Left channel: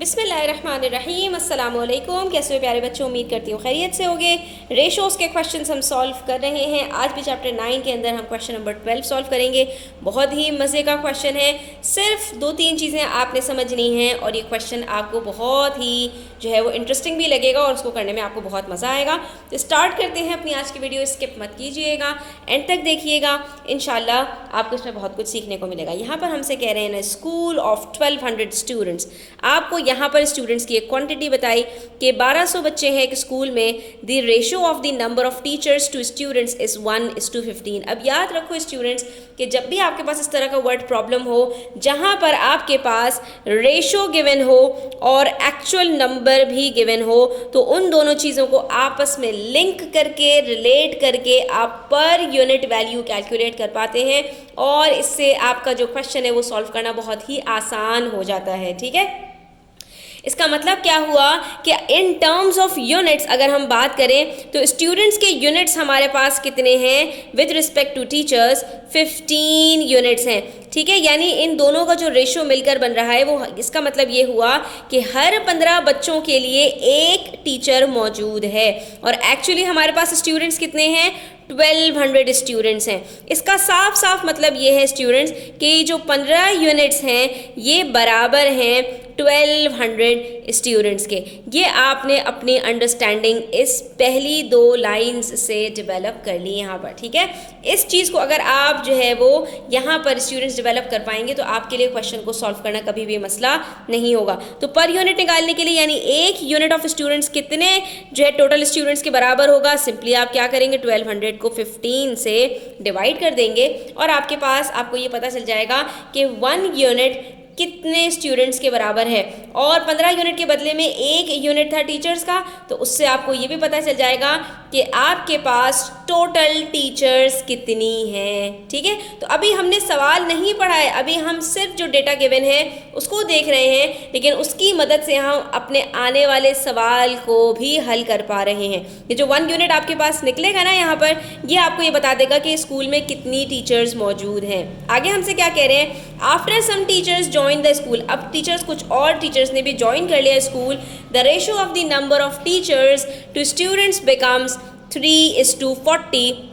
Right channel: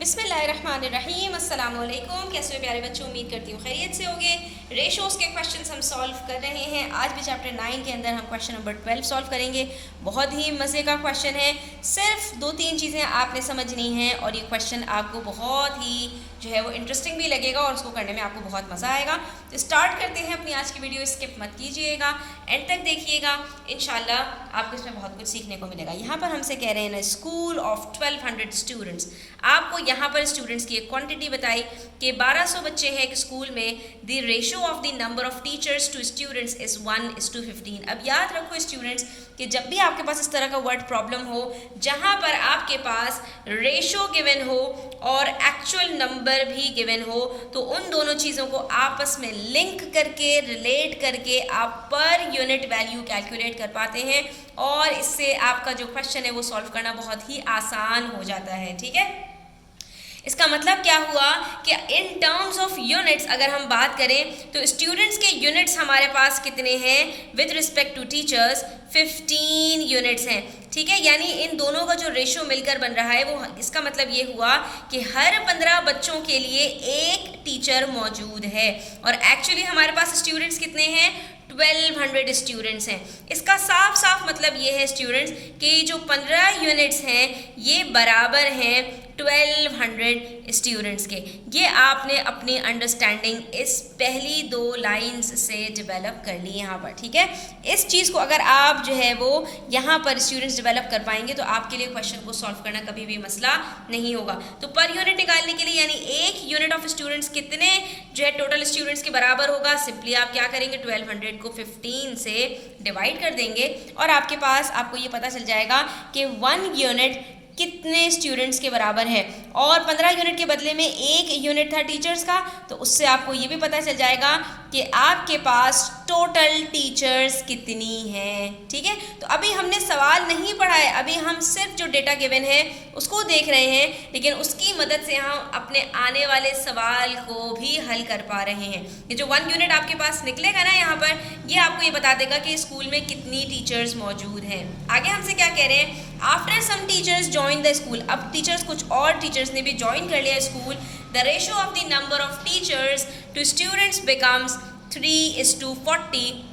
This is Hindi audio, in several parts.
बिस्मिल्लाहिर्रहमानिर्रहीम, अस्सलाम वालेकुम। कैसे हो प्यारे बच्चों, उम्मीद करती हूँ खैरियत से होगे। रेशोज़ के क्वेश्चंस हम सॉल्व कर रहे हैं। आज भी चैप्टर 9 के अंदर हम क्वेश्चन नंबर 12 सॉल्व करेंगे। बहुत ही मज़े का क्वेश्चन है। सिर्फ 2-3 चीज़ें आपने समझनी हैं और ये क्वेश्चन आपको बहुत ही जो है वो इंटरेस्टिंग भी लगेगा और उसको करने में आपको बहुत मज़ा आएगा। तो स्टार्ट करते हैं अपनी आज की वीडियो। स्किप मत कीजिएगा, एंड तक देखिएगा, इंशाल्लाह आपको इसमें बहुत कुछ सीखने को मिलेगा। यहाँ पर हमसे कह रहे हैं ना, स्कूल ऑफ 1200 स्टूडेंट्स। आपको यहाँ पर स्टूडेंट्स की एक क्वांटिटी बताई कि 1200 बच्चे हैं एक स्कूल में। The ratio of the number of teachers to students is 1:15। अब याद रखो स्टूडेंट्स कि जब भी आपके पास इस तरह का वर्ड प्रॉब्लम हो जहाँ पर आपके पास रेशो गिवन हो और एक्चुअल नंबर भी गिवन हो, तो उन दोनों चीज़ों को आपस में लिंक करके, रिलेट करके आप पर यूनिट वैल्यू कैलकुलेट कर पाते हैं और इससे आपका जो क्वेश्चन है वो सॉल्व करना बहुत ही आसान हो जाता है। ठीक है, इसका मतलब क्या हुआ कि इन टर्म्स ऑफ यूनिट्स अगर हम बात करें तो स्टूडेंट्स के यूनिट्स हमारे पास कितने हैं with respect to teachers, 15 units हैं। ठीक है, यानी इन दोनों का जो रेशो मिलकर बन रहा है वो, इसका मतलब ये हुआ कि हर 15 बच्चों के लिए एक टीचर मौजूद है। और एक्चुअली हमारे पास स्टूडेंट्स कितने हैं, 1200 स्टूडेंट्स हैं। इसका साफ साफ मतलब ये है स्टूडेंट्स कि जो 15 यूनिट्स हैं ये बराबर हैं 1200 स्टूडेंट्स के। ये आपने अपनी अंडरस्टैंडिंग इस पहली 2 लाइंस से डेवलप कर ली यहाँ पर। ठीक है, इस चीज़ को अगर आप जो है वो यहाँ पर स्टूडेंट्स डेवलप कर पाएंगे तो आपके लिए क्वेश्चन को सॉल्व करना कभी भी मसला नहीं होगा। तो पर यूनिट निकालने के लिए, यानी एक यूनिट ऑफ स्टूडेंट्स कितने जो है टोटल स्टूडेंट्स के बराबर होगा, सिंपली आप क्या करेंगे, 1200 को 15 से डिवाइड कर देंगे और आपके पास आपको ये पता चल जाएगा कि 1 यूनिट कितने स्टूडेंट्स के बराबर है। और 15 यूनिट के बदले में 1 यूनिट था टीचर्स का, तो उससे आपको ये भी पता चल जाएगा कि आपके पास टोटल टीचर्स कितनी हैं। ठीक है, तो अभी हमने सवाल नहीं पढ़ा है, अभी हम सिर्फ जो डेटा गिवन है उसको देख रहे हैं, लेकिन उसकी मदद से हम अपने आने वाले सवाल को भी हल कर पा रहे हैं। ये जो 1 यूनिट आपके पास निकलेगा ना यहाँ पर, ये आपको ये बता देगा कि स्कूल में कितनी टीचर्स मौजूद हैं। आगे हमसे क्या कह रहे हैं, after some teachers join the school. अब टीचर्स, कुछ और टीचर्स ने भी ज्वाइन कर लिया school. The ratio of the number of teachers to students becomes 3:40।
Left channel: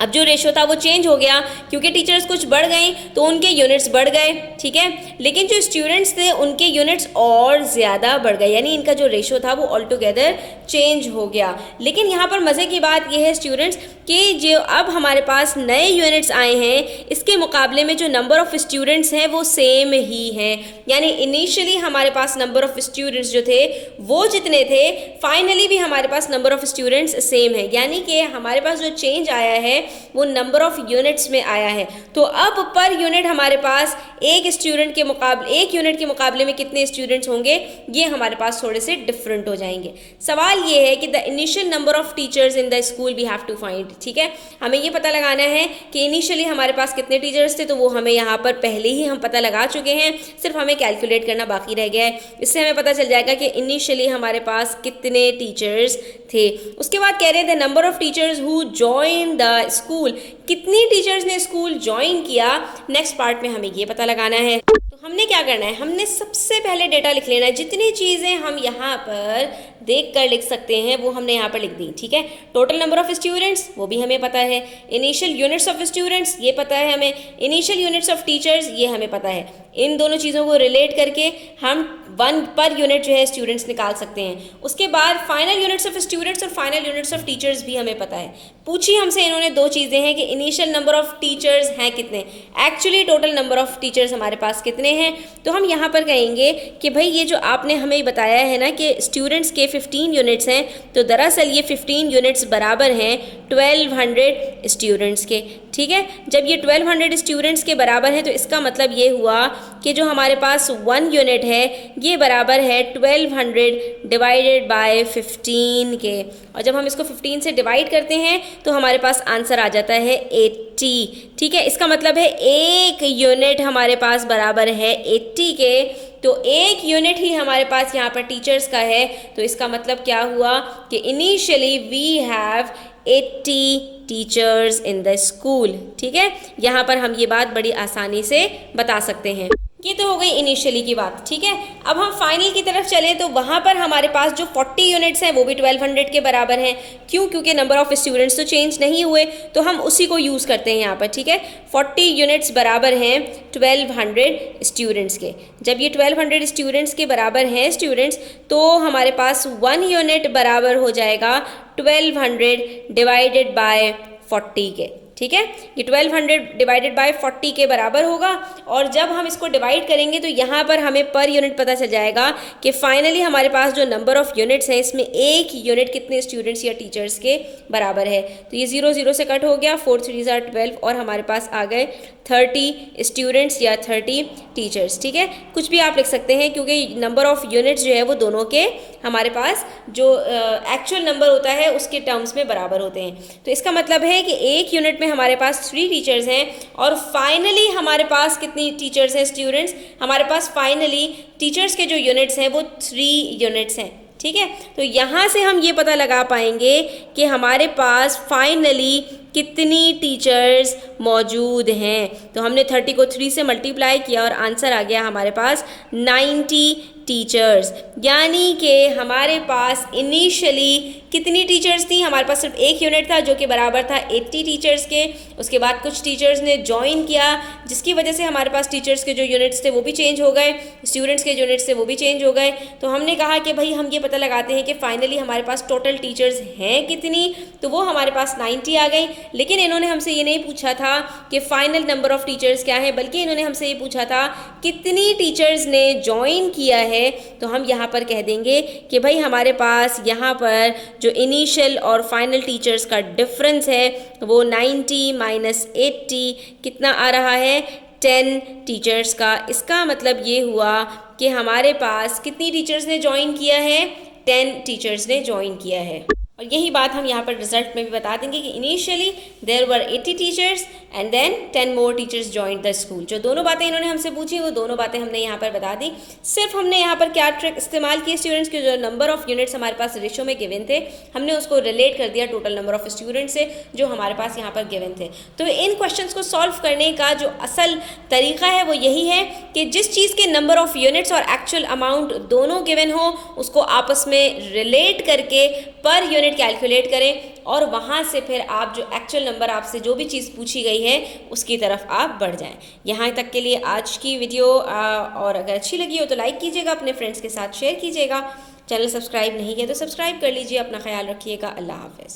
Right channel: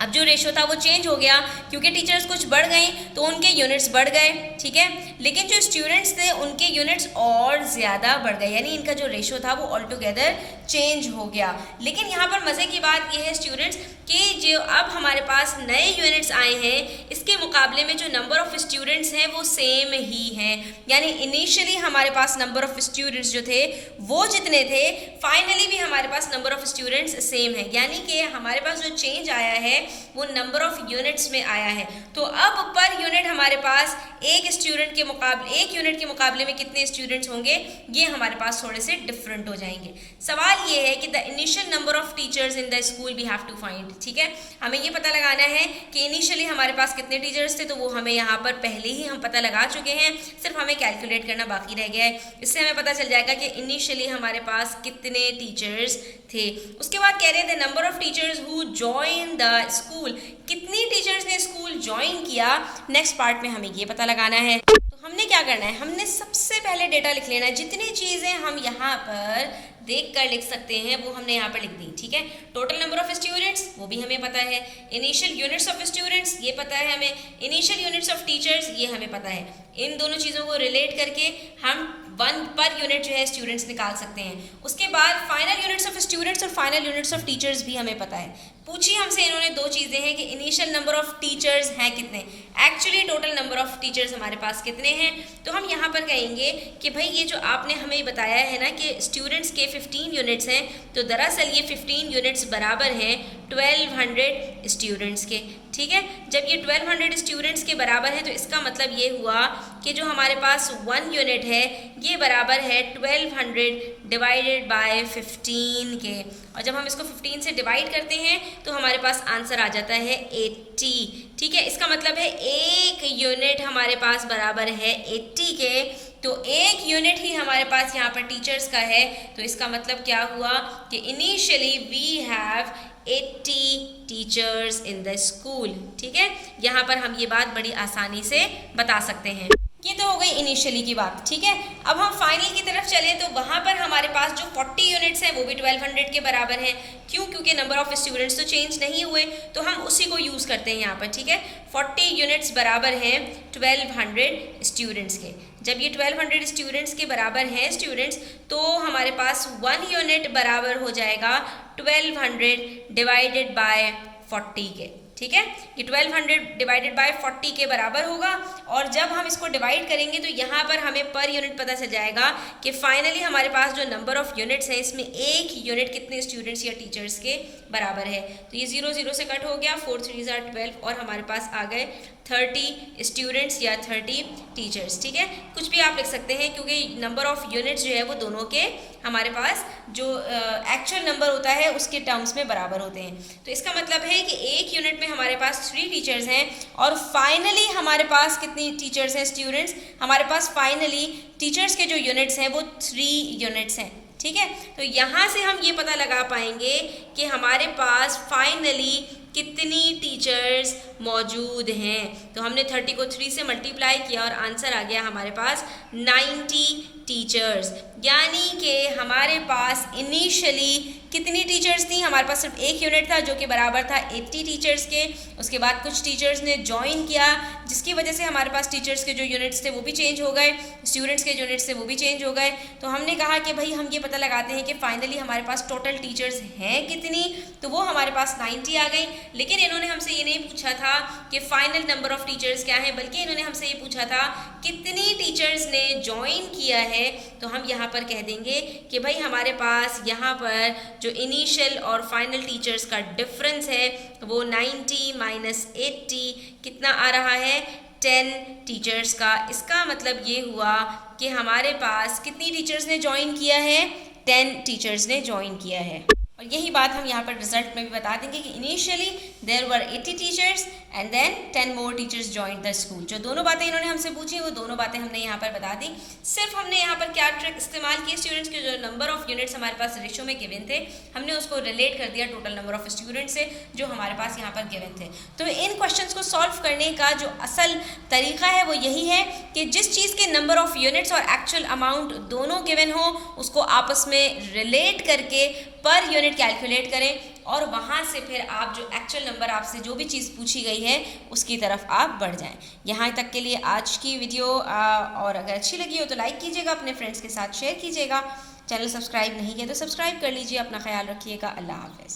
अब जो रेशो था वो चेंज हो गया क्योंकि टीचर्स कुछ बढ़ गई तो उनके यूनिट्स बढ़ गए। ठीक है, लेकिन जो स्टूडेंट्स थे उनके यूनिट्स और ज़्यादा बढ़ गए, यानी इनका जो रेशो था वो ऑल टुगेदर चेंज हो गया। लेकिन यहाँ पर मज़े की बात ये है स्टूडेंट्स कि जो अब हमारे पास नए यूनिट्स आए हैं इसके मुकाबले में जो नंबर ऑफ़ स्टूडेंट्स हैं वो सेम ही हैं। यानी इनिशियली हमारे पास नंबर ऑफ़ स्टूडेंट्स जो थे वो जितने थे, फाइनली भी हमारे पास नंबर ऑफ़ स्टूडेंट्स सेम है। यानी कि हमारे पास जो चेंज आया है वो नंबर ऑफ़ यूनिट्स में आया है। तो अब पर यूनिट हमारे पास एक यूनिट के मुकाबले में कितने स्टूडेंट्स होंगे, ये हमारे पास थोड़े से डिफरेंट हो जाएंगे। सवाल ये है कि the initial number of teachers in the school we have to find. ठीक है, हमें ये पता लगाना है कि इनिशियली हमारे पास कितने टीचर्स थे, तो वो हमें यहाँ पर पहले ही हम पता लगा चुके हैं, सिर्फ हमें कैलकुलेट करना बाकी रह गया है। इससे हमें पता चल जाएगा कि इनिशियली हमारे पास कितने टीचर्स थे। उसके बाद कह रहे थे number of teachers who join the school, कितनी टीचर्स ने स्कूल ज्वाइन किया। नेक्स्ट पार्ट में हमें ये पता लगाना है। तो हमने क्या करना है, हमने सबसे पहले डेटा लिख लेना है। जितनी चीज़ें हम यहाँ पर देख कर लिख सकते हैं वो हमने यहाँ पर लिख दी। ठीक है, टोटल नंबर ऑफ स्टूडेंट्स वो भी हमें पता है, इनिशियल यूनिट्स ऑफ स्टूडेंट्स ये पता है हमें, इनिशियल यूनिट्स ऑफ टीचर्स ये हमें पता है। इन दोनों चीज़ों को रिलेट करके हम 1 पर यूनिट जो है स्टूडेंट्स निकाल सकते हैं। उसके बाद फाइनल यूनिट्स ऑफ स्टूडेंट्स और फाइनल यूनिट्स ऑफ टीचर्स भी हमें पता है। पूछी हमसे इन्होंने 2 चीज़ें हैं कि इनिशियल नंबर ऑफ टीचर्स हैं कितने, actually total number of teachers हमारे पास कितने हैं। तो हम यहाँ पर कहेंगे कि भाई ये जो आपने हमें बताया है ना कि स्टूडेंट्स के 15 यूनिट्स हैं, तो दरअसल ये 15 यूनिट्स बराबर हैं 1200 स्टूडेंट्स के। ठीक है, जब ये 1200 स्टूडेंट्स के बराबर है तो इसका मतलब ये हुआ कि जो हमारे पास 1 यूनिट है ये बराबर है 1200 डिवाइडेड बाय 15 के। और जब हम इसको 15 से डिवाइड करते हैं तो हमारे पास आंसर आ जाता है 80। ठीक है, इसका मतलब है एक यूनिट हमारे पास बराबर है 80 के। तो एक यूनिट ही हमारे पास यहाँ पर टीचर्स का है, तो इसका मतलब क्या हुआ कि initially we have 80 teachers in the school. ठीक है, यहाँ पर हम ये बात बड़ी आसानी से बता सकते हैं। ये तो हो गई इनिशियली की बात, ठीक है। अब हम फाइनल की तरफ चलें तो वहाँ पर हमारे पास जो 40 यूनिट्स हैं वो भी 1200 के बराबर हैं। क्यों? क्योंकि नंबर ऑफ़ स्टूडेंट्स तो चेंज नहीं हुए, तो हम उसी को यूज़ करते हैं यहाँ पर, ठीक है। 40 यूनिट्स बराबर हैं 1200 स्टूडेंट्स के। जब ये 1200 स्टूडेंट्स के बराबर हैं स्टूडेंट्स, तो हमारे पास 1 यूनिट बराबर हो जाएगा 1200 डिवाइडेड बाय 40 के, ठीक है। ये 1200 डिवाइडेड बाय 40 के बराबर होगा, और जब हम इसको डिवाइड करेंगे तो यहाँ पर हमें पर यूनिट पता चल जाएगा कि फाइनली हमारे पास जो नंबर ऑफ़ यूनिट्स हैं इसमें एक यूनिट कितने स्टूडेंट्स या टीचर्स के बराबर है। तो ये 0 0 से कट हो गया, 4 3 12 और हमारे पास आ गए 30 स्टूडेंट्स या 30 टीचर्स, ठीक है। कुछ भी आप लिख सकते हैं क्योंकि नंबर ऑफ़ यूनिट्स जो है वो दोनों के हमारे पास जो एक्चुअल नंबर होता है उसके टर्म्स में बराबर होते हैं। तो इसका मतलब है कि एक यूनिट में हमारे पास 3 टीचर्स हैं, और फाइनली हमारे पास कितनी टीचर्स हैं स्टूडेंट्स? हमारे पास फाइनली टीचर्स के जो यूनिट्स हैं वो 3 यूनिट्स हैं, ठीक है। तो यहाँ से हम ये पता लगा पाएंगे कि हमारे पास फाइनली कितनी टीचर्स मौजूद हैं। तो हमने 30 को 3 से मल्टीप्लाई किया और आंसर आ गया हमारे पास 90 टीचर्स। यानी कि हमारे पास इनिशियली कितनी टीचर्स थी? हमारे पास सिर्फ एक यूनिट था जो कि बराबर था 80 टीचर्स के। उसके बाद कुछ टीचर्स ने ज्वाइन किया, जिसकी वजह से हमारे पास टीचर्स के जो यूनिट्स थे वो भी चेंज हो गए, स्टूडेंट्स के यूनिट्स थे वो भी चेंज हो गए। तो हमने कहा कि भाई हम ये पता लगाते हैं कि फाइनली हमारे पास टोटल टीचर्स हैं कितनी, तो वो हमारे पास 90 आ गई। लेकिन इन्होंने हमसे ये नहीं पूछा था कि फाइनल नंबर ऑफ़ टीचर्स क्या है, बल्कि इन्होंने हमसे ये पूछा था कितनी टीचर्स ने ज्वाइन किया है। तो हम यहाँ पर कह देंगे कि भाई हमारे पास यहाँ पर जो इनिशियल और फाइनल टीचर्स का डिफरेंस है वो 90 माइनस 80 कितना आ रहा है? 10 टीचर्स का। इसका मतलब ये हुआ कि हमारे पास कितनी टीचर्स ने ज्वाइन किया है? 10 टीचर्स ने ज्वाइन किया है। और यही बात हम यहाँ पर रिजल्ट में भी बता देंगे कि initially there were 80 teachers and then 10 more teachers joined the school. जो दोनों बातें इन्होंने हमसे पूछी वो दोनों बातें हमने यहाँ पर बता दी। सिर्फ हमने यहाँ पर क्या ट्रिक इस्तेमाल की, स्टूडेंट्स के जो नंबर ऑफ़ यूनिट्स हमारे पास रेशो में गिवन थे हमने उसको रिलेट कर दिया टोटल नंबर ऑफ़ स्टूडेंट्स से जो हमारे पास यहाँ पर गिवन थे। तो इन क्वेश्चंस को सॉल्व करने का जो असल तरीका है वो यही है कि जिस चीज़ के नंबर ऑफ़ यूनिट्स और एक्चुअल अमाउंट दोनों गिवन हो उसको आपस में रिलेट करके पर यूनिट कैलकुलेट करें, और वहाँ से फिर आप जो एक्चुअल नंबर आपसे जो भी चीज़ पूछी गई है उसकी तरफ आप बढ़ जाएं। यहाँ तक के लिए आज की वीडियो और अगर अच्छी लगी हो तो लाइक कीजिएगा, अपने फ्रेंड्स के साथ शेयर कीजिएगा। चैनल सब्सक्राइब नहीं किया तो सब्सक्राइब कर लीजिए। अपना ख्याल रखिएगा। अल्लाह हाफ़िज़।